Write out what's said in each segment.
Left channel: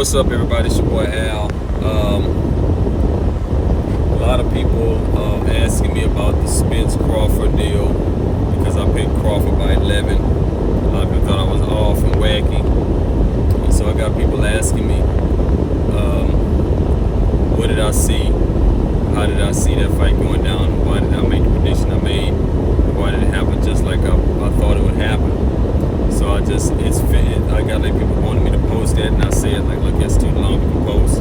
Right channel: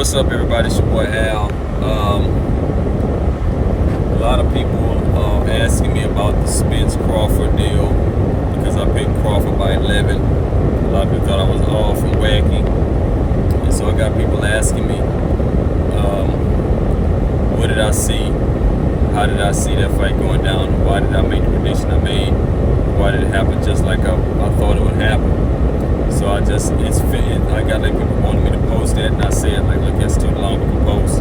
What's up, everybody? It's your boy Al. A lot of people asking me about the Spence Crawford deal because I picked Crawford by 11. A lot of people thought I was off and wacky, and so I got people asking me, what did I see? How did I see that fight going down? Why did I make the prediction I made? Why did it happen just like I thought it would happen? So I got like people wanting me to post that, and I said like, look, it's too long to post.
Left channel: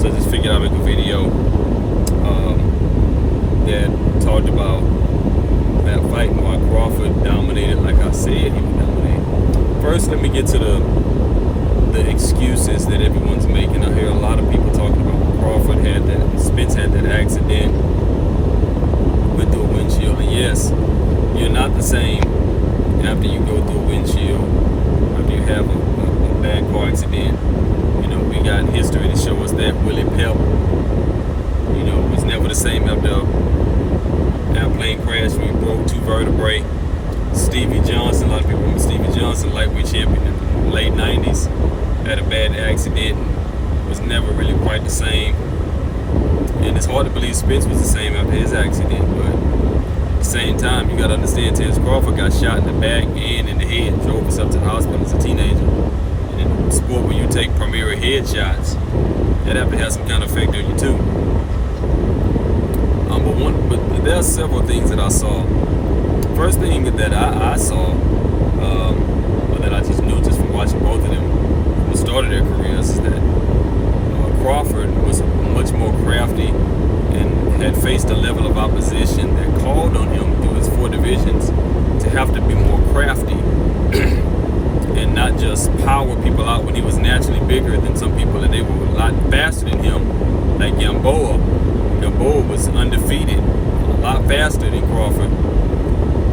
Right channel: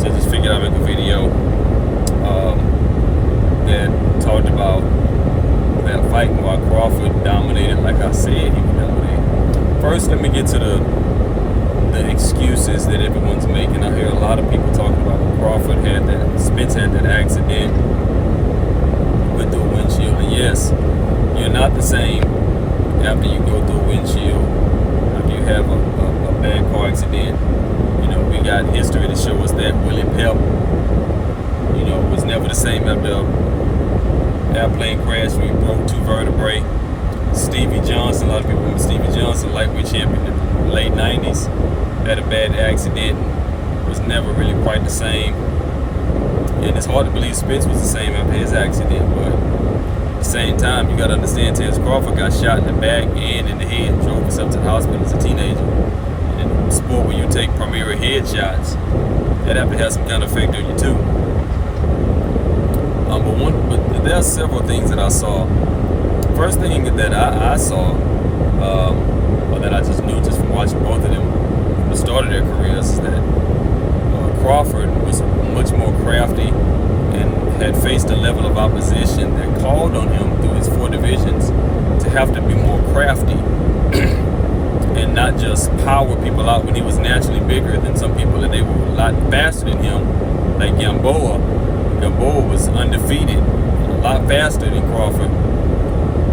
So I just figured I'd make a video that talked about that fight and why Crawford dominated like I said he would dominate. First, let me get to the excuses that everyone's making. I hear a lot of people talking about Spence had that accident with the windshield. And yes, you're not the same after you go through a windshield, after you have a bad car accident. You know, we got history to show us that. Willie Pep, was never the same after an airplane crash where he broke 2 vertebrae. Stevie Johnson, a lot of people remember Stevie Johnson, lightweight champion in the late 90s, had a bad accident, was never really quite the same. And it's hard to believe Spence was the same after his accident, but at the same time, you got to understand, Terrence Crawford got shot in the back and in the head, drove himself to the hospital as a teenager. And in a sport where you take primary headshots, that have to have some kind of effect on you too. But there are several things that I saw. First thing that I saw, or that I just knew just from watching both of them from the start of their careers, is that Crawford was much more crafty and had faced a level of opposition that called on him through his 4 divisions to have to be more crafty and not just power people out when he was naturally bigger than some people and they were a lot faster than him, like Gamboa. Gamboa was undefeated, a lot faster than Crawford.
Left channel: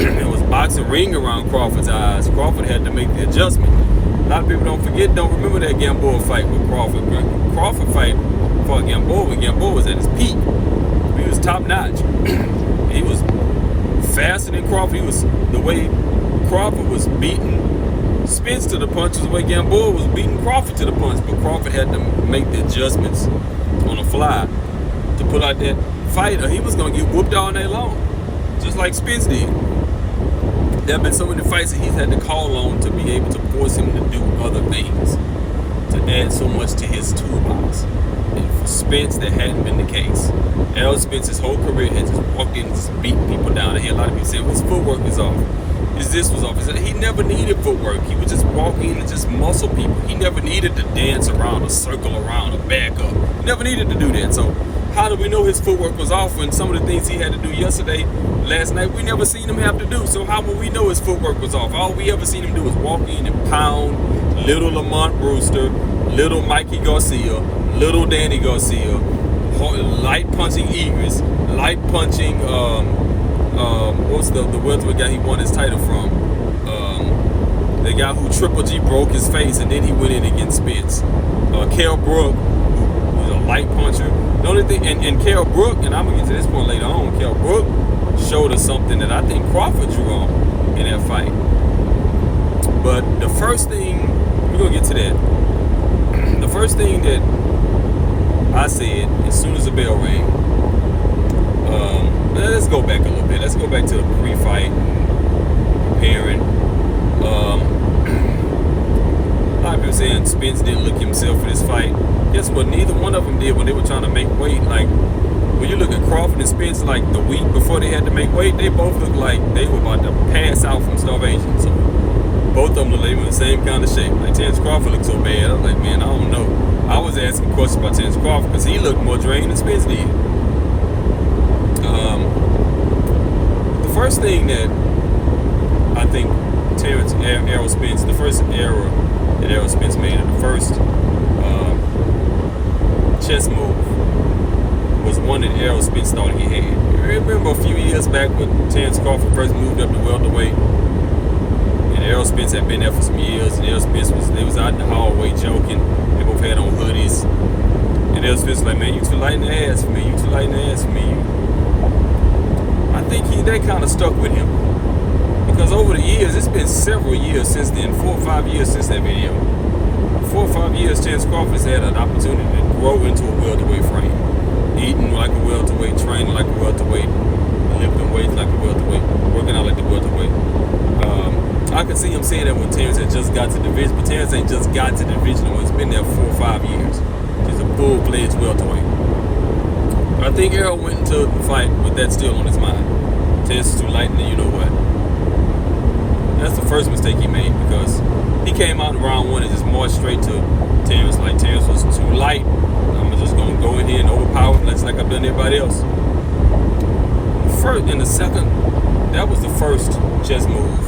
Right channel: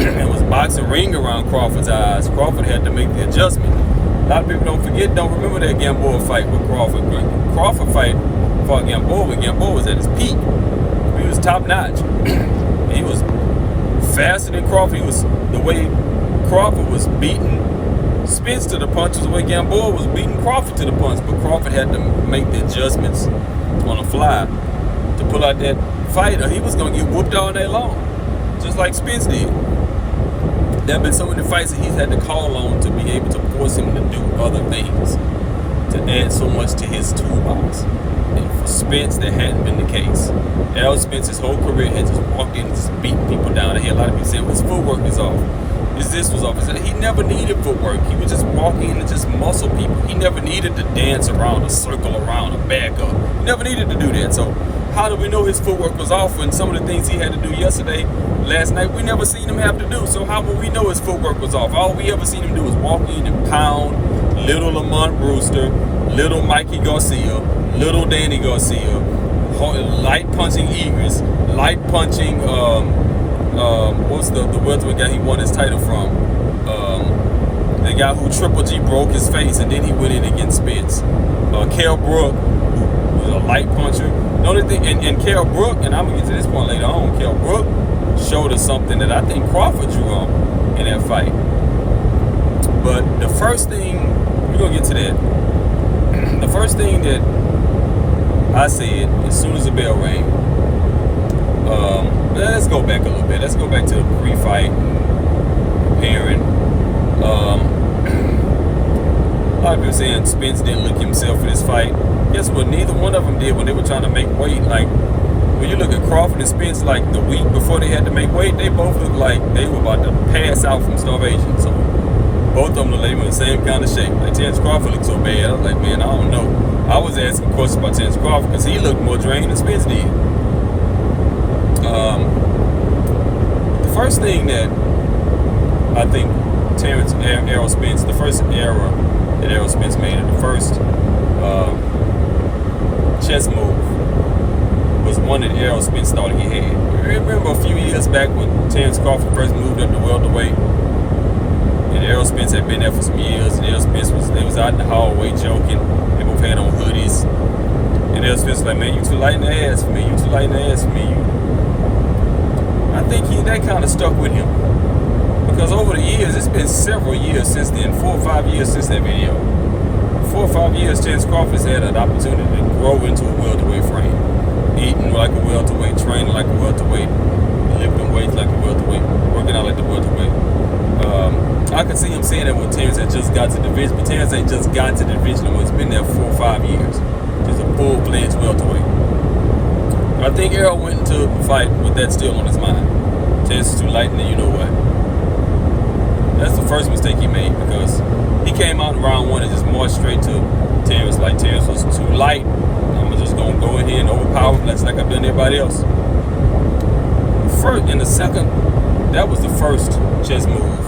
It was boxing ring around Crawford's eyes. Crawford had to make the adjustment. A lot of people don't remember that Gamboa fight with Crawford. Crawford fought Gamboa when Gamboa was at his peak. He was top notch. He was faster than Crawford. The way Crawford was beating Spence to the punch was the way Gamboa was beating Crawford to the punch. But Crawford had to make the adjustments on the fly to pull out that fight, or he was going to get whooped all day long, just like Spence did. There have been so many fights that he's had to call on to be able to force him to do other things, to add so much to his toolbox. And for Spence, that hadn't been the case. Errol Spence, his whole career, had just walked in and just beating people down. I hear a lot of people saying, well, his footwork is off. This was off. He never needed footwork. He would just walk in and just muscle people. He never needed to dance around or circle around or back up. He never needed to do that. So how do we know his footwork was off when some of the things he had to do last night, we never seen him have to do? So how will we know his footwork was off? All we ever seen him do is walk in and pound little Lamont Brewster, little Mikey Garcia, little Danny Garcia, light punching Egris, light punching, what's the welterweight guy he won his title from? The guy who Triple G broke his face and then he went in against Spence. Kell Brook, who was a light puncher. The only thing, and Kell Brook, and I'm going to get to this point later on, Kell Brook showed us something that I think Crawford drew on in that fight. But the first thing, we're going to get to that. The first thing that I said as soon as the bell rang, let's go back a little bit. Let's go back to the pre-fight, preparing. A lot of people saying Spence didn't look himself for this fight. Guess what? Neither one of them did when they were trying to make weight. Like, when you look at Crawford and Spence, like the week before they had to make weight, they both looked like they were about to pass out from starvation. So both of them looked like they were in the same kind of shape. Like Terrence Crawford looked so bad. I was like, man, I don't know. I was asking questions about Terrence Crawford because he looked more drained than Spence did. The first thing that I think Errol Spence, the first error that Errol Spence made, and the first chess move was one that Errol Spence thought he had. I remember a few years back when Terrence Crawford first moved up to welterweight, and Errol Spence had been there for some years, and Errol Spence was out in the hallway joking. They both had on hoodies, and Errol Spence was like, man, you too light in the ass for me, you too light in the ass for me. I think that kind of stuck with him. Because over the years, it's been several years since then, 4 or 5 years since that video. 4 or 5 5 years, Terrence Crawford has had an opportunity to grow into a welterweight frame. Eating like a welterweight, training like a welterweight, lifting weights like a welterweight, working out like the welterweight. I could see him saying that when Terrence had just got to the division, but Terrence ain't just got to the division. It's been there 4 or 5 years. He's a full-fledged welterweight. I think Errol went into the fight with that still on his mind. Terrence is too light, and you know what? That's the first mistake he made, because he came out in round 1 and just marched straight to Terrence like Terrence was too light. I'm just going to go in here and overpower him like I've done everybody else. That was the first chess move,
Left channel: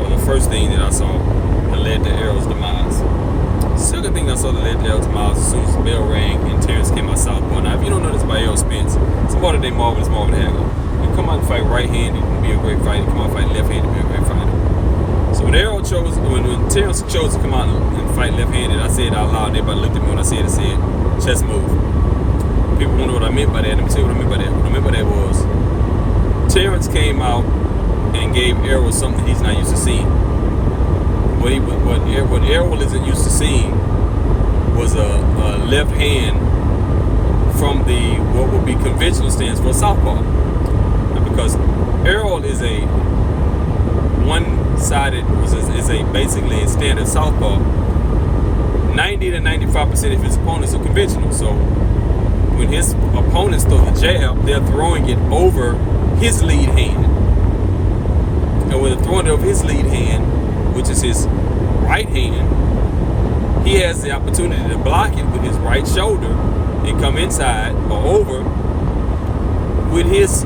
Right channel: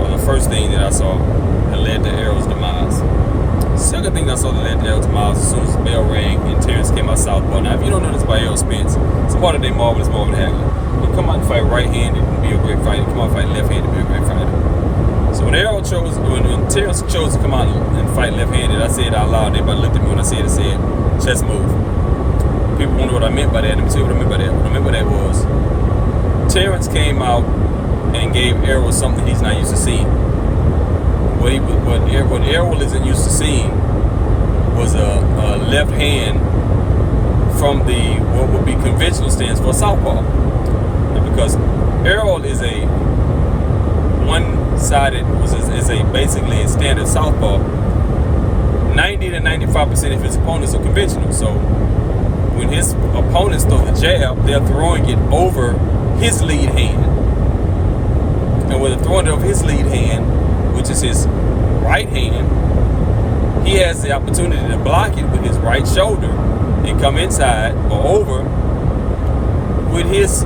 or the first thing that I saw that led to Errol's demise. Second thing I saw that led to Errol's demise, as soon as the bell rang and Terrence came out southpaw. Now, if you don't know this about Errol Spence, it's part of their marvelous Marvin Hagler. They come out and fight right-handed and be a great fighter. They come out and fight left-handed and be a great fighter. So when Terrence chose to come out and fight left-handed, I said out loud, everybody looked at me when I said chess move. People wonder what I meant by that. Let me tell you what I meant by that. What I meant by that was Terrence came out and gave Errol something he's not used to seeing. What Errol isn't used to seeing was a left hand from what would be conventional stance for a southpaw. Because Errol is a one-sided, is basically a standard southpaw. 90 to 95% of his opponents are conventional. So when his opponents throw the jab, they're throwing it over his lead hand. And when they're throwing it over his lead hand, which is his right hand, he has the opportunity to block it with his right shoulder and come inside or over with his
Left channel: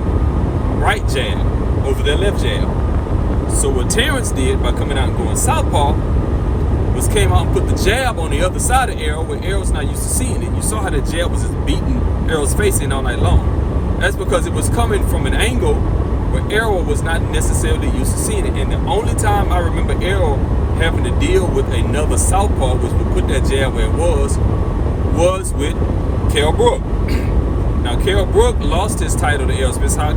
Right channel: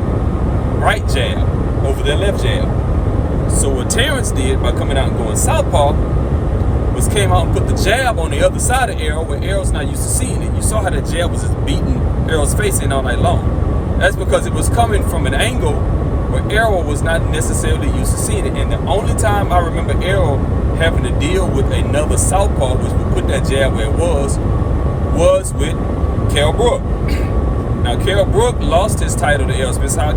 right jab over their left jab. So what Terrence did by coming out and going southpaw was came out and put the jab on the other side of Errol where Errol's not used to seeing it. You saw how the jab was just beating Errol's face in all night long. That's because it was coming from an angle where Errol was not necessarily used to seeing it. And the only time I remember Errol having to deal with another southpaw, which would put that jab where it was with Kell Brook. Now, Kell Brook lost his title to Errol Spence. How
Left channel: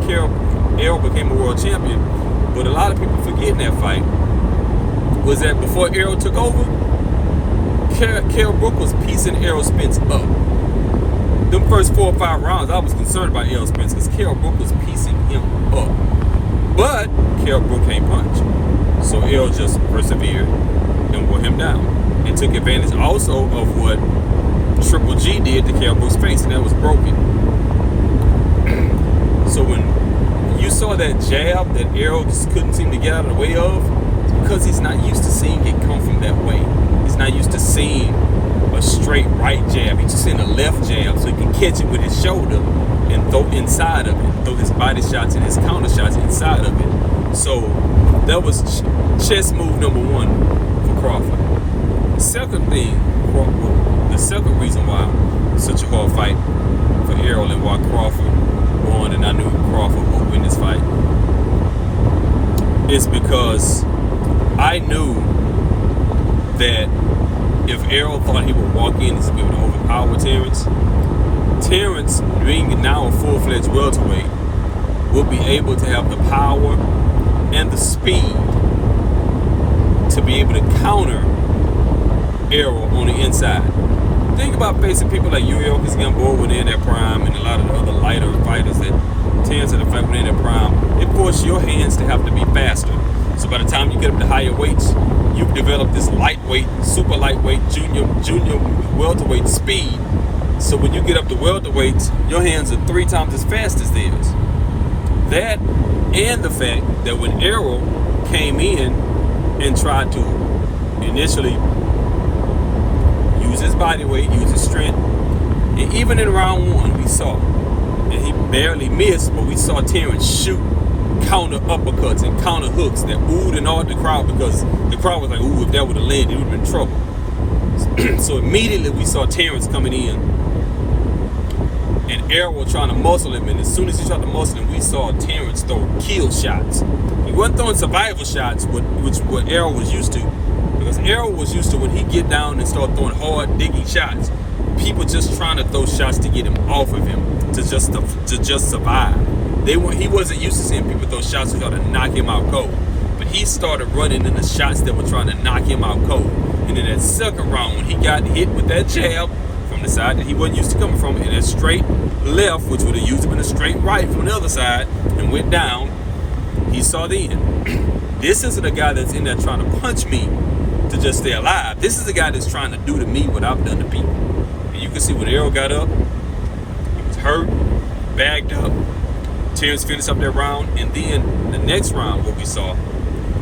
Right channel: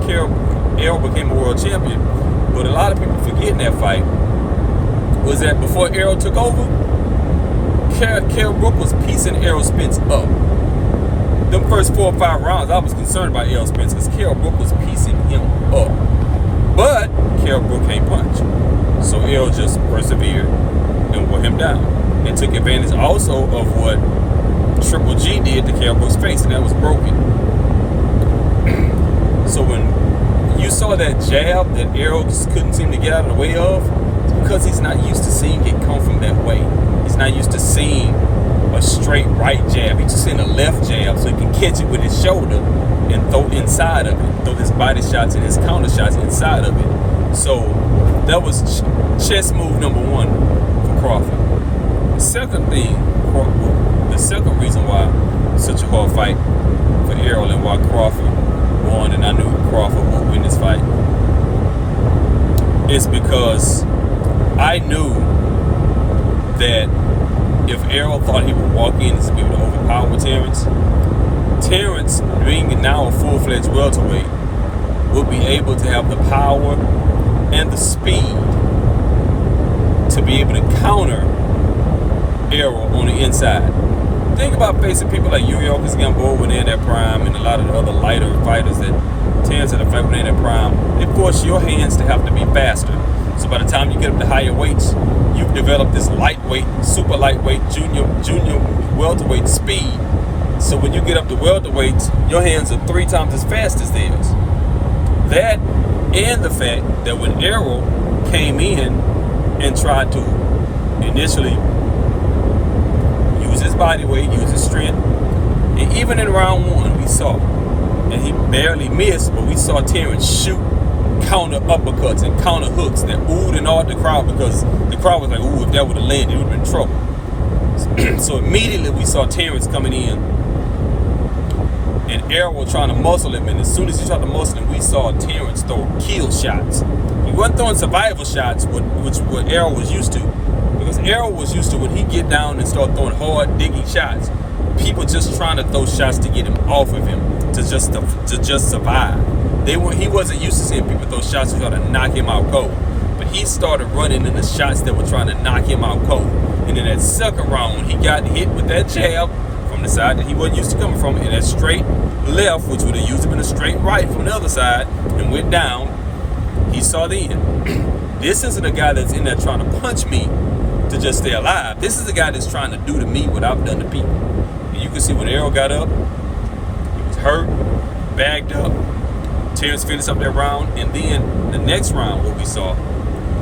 Errol became a world champion. But a lot of people forget in that fight was that before Errol took over, Kell Brook was piecing Errol Spence up. Them first 4 or 5 rounds, I was concerned about Errol Spence because Kell Brook was piecing him up. But Kell Brook can't punch. So Errol just persevered and wore him down. And took advantage also of what Triple G did to Kell Brook's face, and that was broken. So when you saw that jab that Errol just couldn't seem to get out of the way of, it's because he's not used to seeing it come from that way. He's not used to seeing a straight right jab. He's just seeing a left jab so he can catch it with his shoulder and throw inside of it. Throw his body shots and his counter shots inside of it. So that was chess move number 1 for Crawford. The second reason why it's such a hard fight for Errol and why Crawford won, and I knew Crawford would win this fight, is because I knew that if Errol thought he would walk in and be able to overpower Terrence, being now a full-fledged welterweight, will be able to have the power and the speed to be able to counter Errol on the inside. Think about facing people like Yuriorkis Gamboa when they're in their prime, and a lot of the other lighter fighters that Terrence in effect when they're in their prime. They force your hands to have to be faster. So by the time you get up to higher weights, you've developed this lightweight, super lightweight, junior welterweight speed. So when you get up to welterweights, your hands are 3 times as fast as theirs. That and the fact that when Errol came in and tried to initially use his body weight, use his strength, and even in round 1 we saw, and he barely missed, but we saw Terrence shoot counter uppercuts and counter hooks that oohed and awed the crowd, because the crowd was like, ooh, if that would have landed, it would have been trouble. So immediately we saw Terrence coming in and Errol trying to muscle him, and as soon as he tried to muscle him, we saw Terrence throw kill shots. He wasn't throwing survival shots, which what Errol was used to, because Errol was used to when he get down and start throwing hard, digging shots, people just trying to throw shots to get him off of him, to just survive. He wasn't used to seeing people throw shots to try to knock him out cold. But he started running into shots that were trying to knock him out cold. And then that second round, he got hit with that jab from the side that he wasn't used to coming from, and that straight left, which would have used him in a straight right from the other side, and went down. He saw the end. This isn't a guy that's in there trying to punch me to just stay alive. This is a guy that's trying to do to me what I've done to people. And you can see when Errol got up, he was hurt, bagged up. Terrence finished up that round, and then the next round, what we saw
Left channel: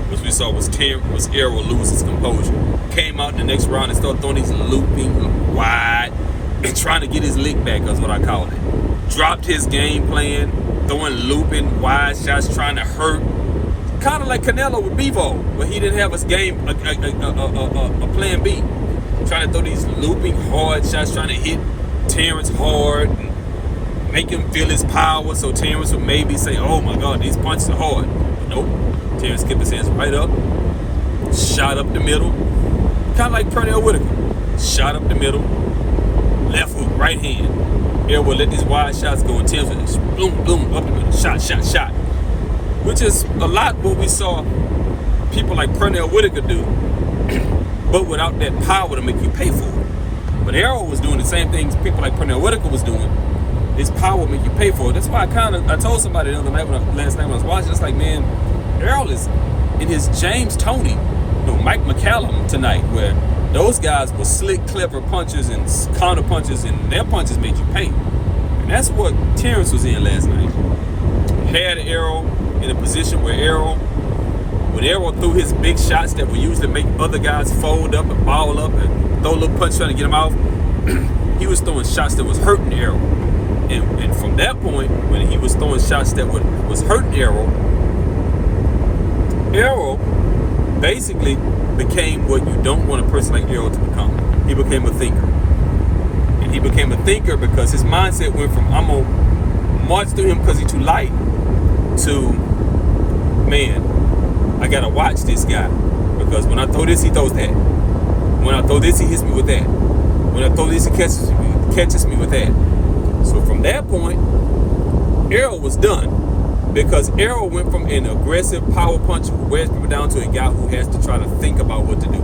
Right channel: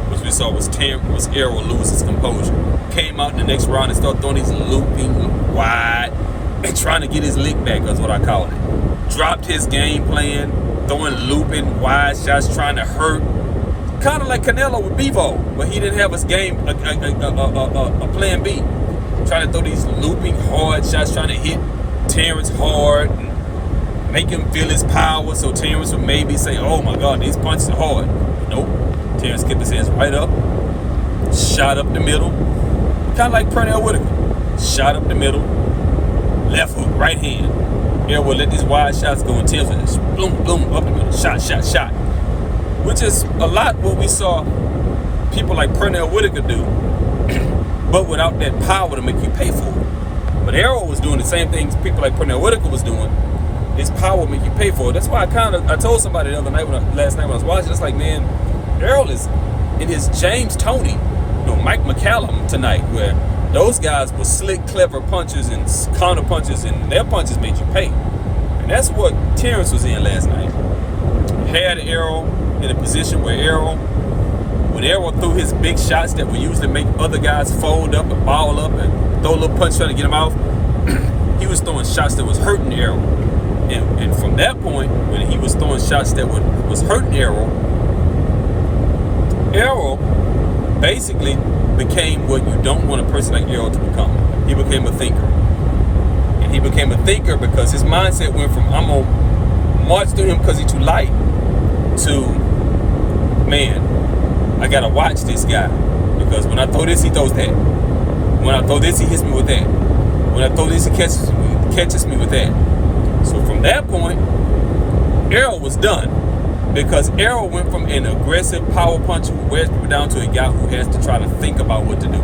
was Errol lose his composure. Came out in the next round and started throwing these looping wide and trying to get his lick back, is what I call it. Dropped his game plan, throwing looping wide shots, trying to hurt. Kind of like Canelo with Bevo, where he didn't have his game, a plan B. Trying to throw these looping hard shots, trying to hit Terrence hard, make him feel his power, so Terrence would maybe say, oh my God, these punches are hard. Nope. Terrence kept his hands right up, shot up the middle, kind of like Pernell Whitaker. Shot up the middle, left hook, right hand. Errol would let these wide shots go, and Terrence would just boom, boom, up the middle, shot, shot, shot. Which is a lot what we saw people like Pernell Whitaker do, but without that power to make you pay for it. But Errol was doing the same things people like Pernell Whitaker was doing. His power would make you pay for it. That's why I told somebody the other night, last night when I was watching, it's like, man, Errol is in his James Toney, Mike McCallum tonight, where those guys were slick, clever punchers and counter punchers, and their punches made you pay. And that's what Terrence was in last night. Had Errol in a position where when Errol threw his big shots that were used to make other guys fold up and ball up and throw a little punch trying to get him off, he was throwing shots that was hurting Errol. And from that point, when he was throwing shots that was hurting Errol basically became what you don't want a person like Errol to become. He became a thinker. And he became a thinker because his mindset went from, I'm going to march through him because he's too light, to, man, I got to watch this guy. Because when I throw this, he throws that. When I throw this, he hits me with that. When I throw this, he catches me with that. So from that point, Errol was done. Because Errol went from an aggressive power puncher who wears people down to a guy who has to try to think about what to do.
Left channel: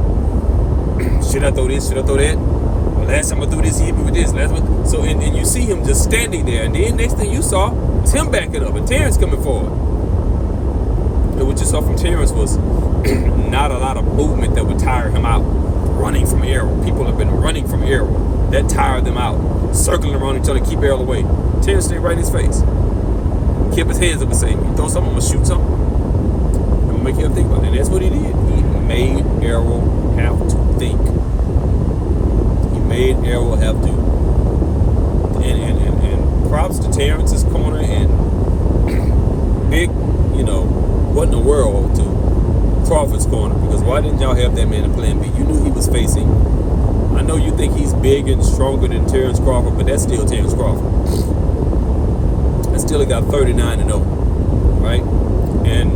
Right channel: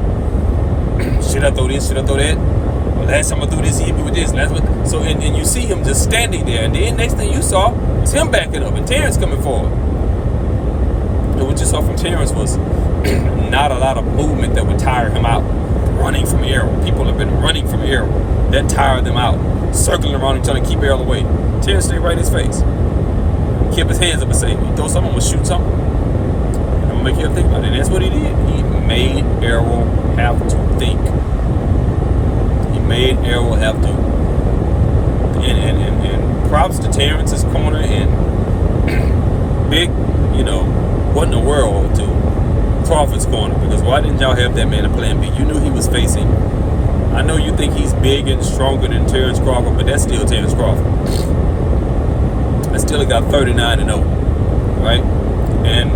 Should I throw this? Should I throw that? Well, last time I threw this, he hit me with this. So and you see him just standing there. And then next thing you saw was him backing up and Terrence coming forward. And what you saw from Terrence was not a lot of movement that would tire him out. Running from Errol. People have been running from Errol. That tired them out. Circling around and trying to keep Errol away. Terrence stayed right in his face. Kept his hands up and say, you throw something, I'm going to shoot something. I'm going to make you think about it. And that's what he did. He made Errol have to think. He made Errol have to. And props to Terrence's corner and big, what in the world to Crawford's corner. Because why didn't y'all have that man a plan B? You knew he was facing. I know you think he's big and stronger than Terrence Crawford, but that's still Terrence Crawford. I still got 39-0, right? And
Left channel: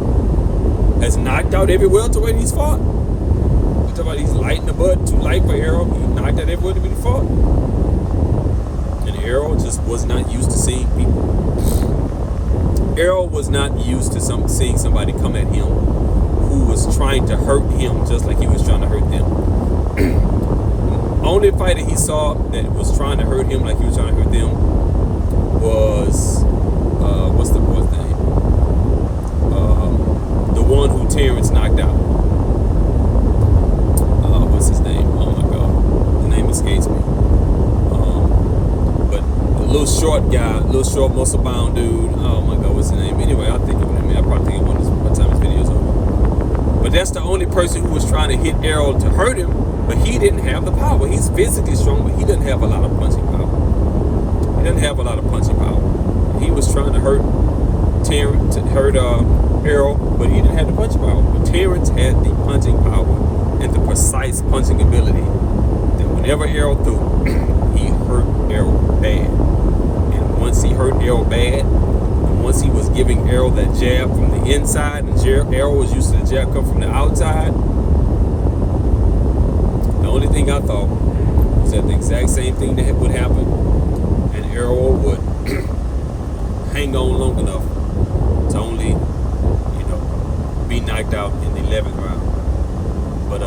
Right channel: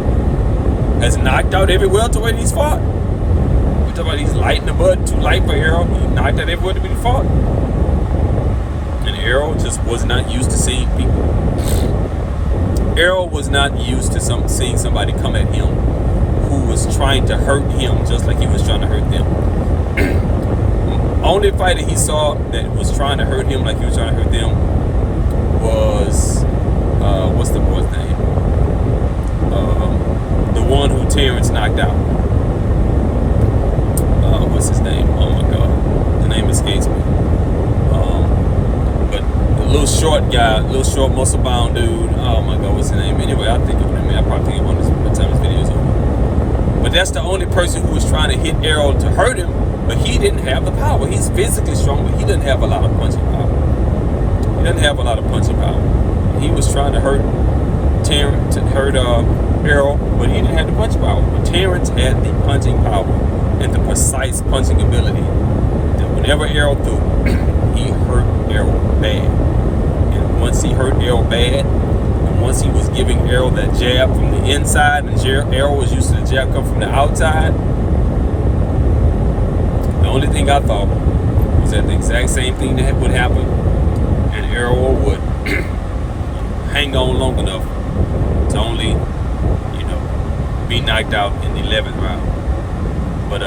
has knocked out every welterweight he's fought. You talking about he's light in the butt, too light for Errol. He knocked out every welterweight he fought. And Errol just was not used to seeing people. Errol was not used to seeing somebody come at him who was trying to hurt him just like he was trying to hurt them. Only fighter he saw that was trying to hurt him like he was trying to hurt them was what's the boy's name? The one who Terrence knocked out. What's his name? Oh my God, the name escapes me. But the little short guy, little short muscle bound dude. Oh my God, what's his name? Anyway, I'll think of him. I probably think of him by the time his video's over. But that's the only person who was trying to hit Errol to hurt him. But he didn't have the power. He's physically strong, but he didn't have a lot of punching power. He didn't have a lot of punching power. He was trying to hurt Terrence, Errol, but he didn't have the punching power. But Terrence had the punching power and the precise punching ability that whenever Errol threw, he hurt Errol bad. And once he hurt Errol bad, and once he was giving Errol that jab from the inside, and Errol was used to the jab come from the outside, the only thing I thought was that the exact same thing that would happen, and Errol would hang on long enough to only, be knocked out in the 11th round. But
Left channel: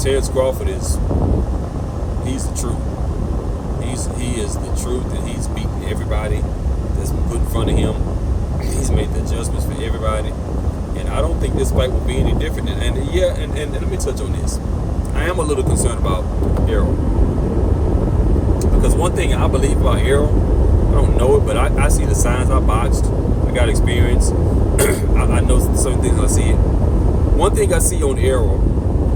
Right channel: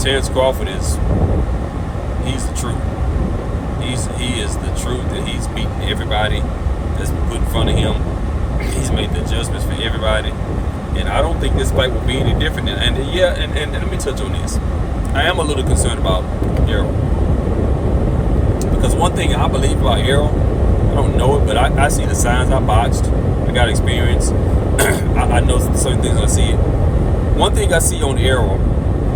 Terrence Crawford he's the truth. He is the truth, and he's beaten everybody that's put in front of him. He's made the adjustments for everybody, and I don't think this fight will be any different. And let me touch on this. I am a little concerned about Errol, because one thing I believe about Errol, I don't know it, but I see the signs. I boxed. I got experience. I know certain things. I see it. One thing I see on Errol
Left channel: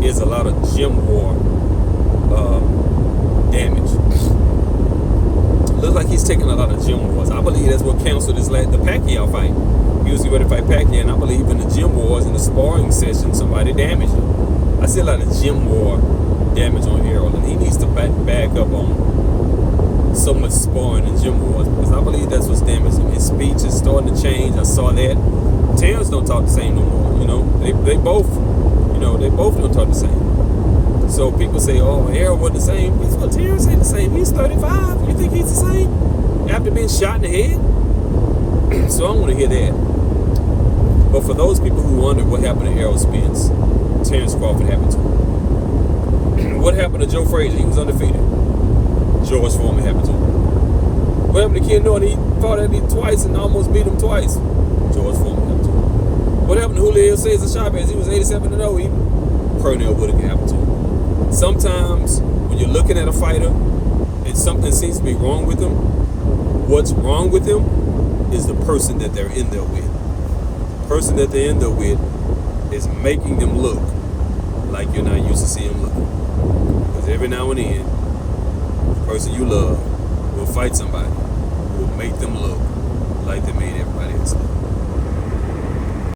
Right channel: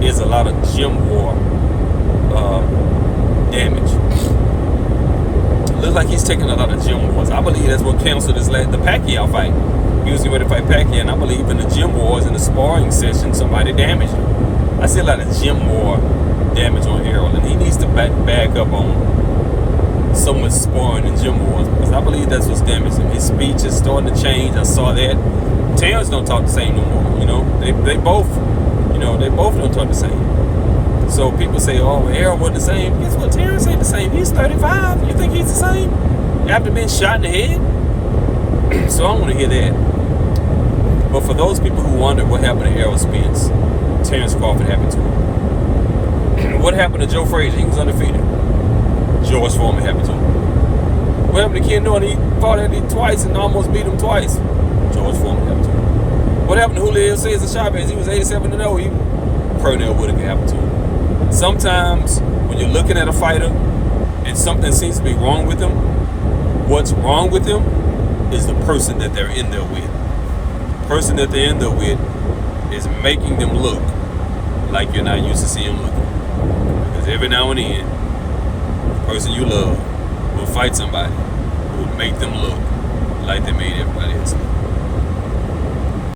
is a lot of gym war damage. Looks like he's taking a lot of gym wars. I believe that's what canceled the Pacquiao fight. He was ready to fight Pacquiao, and I believe in the gym wars and the sparring session, somebody damaged him. I see a lot of gym war damage on Errol, and he needs to back up on so much sparring and gym wars, because I believe that's what's damaged him. His speech is starting to change. I saw that. Terrence don't talk the same no more. You know, they both don't talk the same. So people say, oh, Errol wasn't the same. Guess what? Terrence ain't the same. He's 35. You think he's the same after being shot in the head? So I don't want to hear that. But for those people who wonder what happened to Errol Spence, Terrence Crawford happened to him. What happened to Joe Frazier? He was undefeated. George Foreman happened to him. What happened to Ken Norton? He fought at him twice and almost beat him twice. George Foreman happened to him. What happened to Julio Cesar Chavez? He was 87-0. Pernell Whitaker happened to him. Sometimes when you're looking at a fighter and something seems to be wrong with them, what's wrong with them is the person that they're in there with. The person that they're in there with is making them look like you're not used to seeing them looking. Because every now and then, the person you love will fight somebody who will make them look like they made everybody else look.